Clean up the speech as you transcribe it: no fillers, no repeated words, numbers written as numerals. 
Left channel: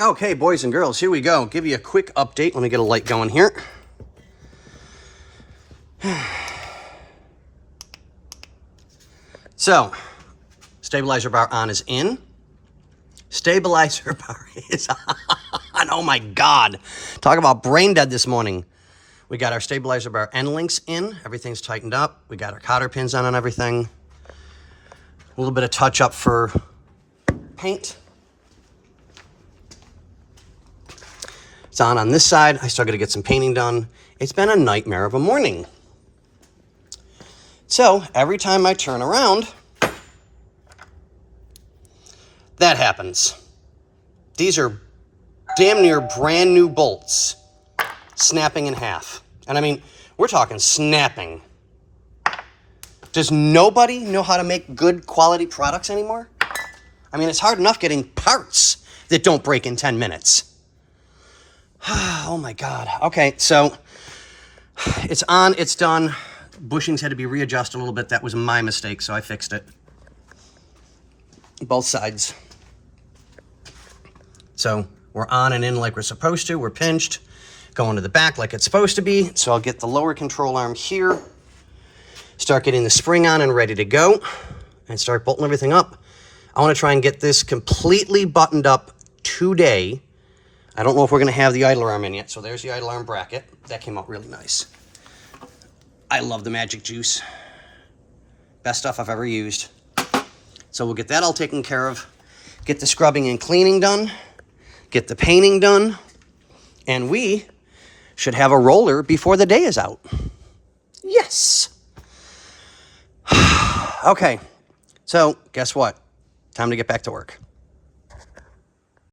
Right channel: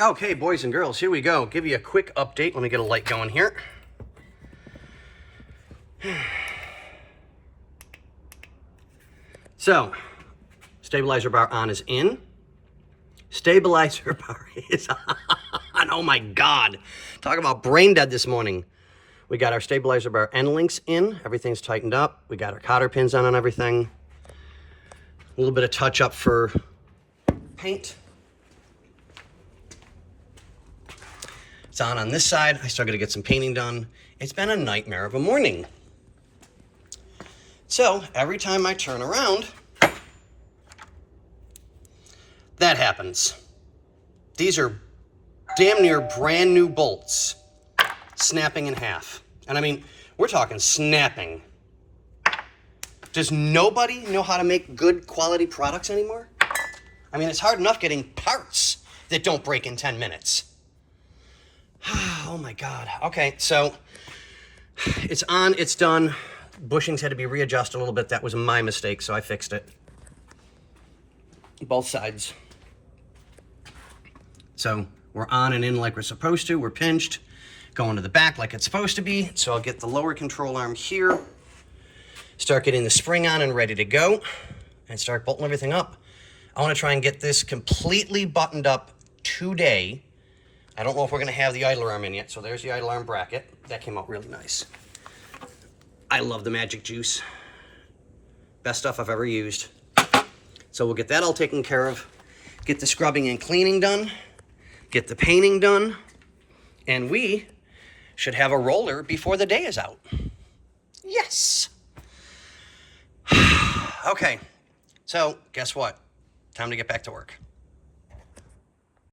Okay, boys and girls, here we go. Give you a quick update. Let me get a light going here. So, stabilizer bar on is in. Stabilizer bar is on. Oh my God. Talk about brain dead this morning. We got our stabilizer bar end links in. Everything's tightened up. We got our cotter pins on and everything. A little bit of touch up for paint. It's on this side. I still got to get some painting done. It's been a nightmare of a morning. So every time I turn around, that happens. These are damn near brand new bolts snapping in half. And I mean, we're talking snapping. Does nobody know how to make good quality products anymore? I mean, it's hard enough getting parts that don't break in 10 minutes. Oh my God. Okay, so it's on, it's done. Bushings had to be readjusted a little bit. That was my mistake, so I fixed it. Both sides. So we're on and in like we're supposed to. We're pinched. Going to the back like it's supposed to be. So I'll get the lower control arm here. Start getting the spring on and ready to go. And start bolting everything up. I want to try and get this completely buttoned up today. I don't know if we're going to have the idler arm in yet. So there's the idler arm bracket. That came out really nice. I love the Magic Juice. Best stuff I've ever used. So we'll get that all taken care of. Get the scrubbing and cleaning done. Get the painting done. And we should have a roller before the day is out. Yes. Okay. So guess what? Time to get back to work.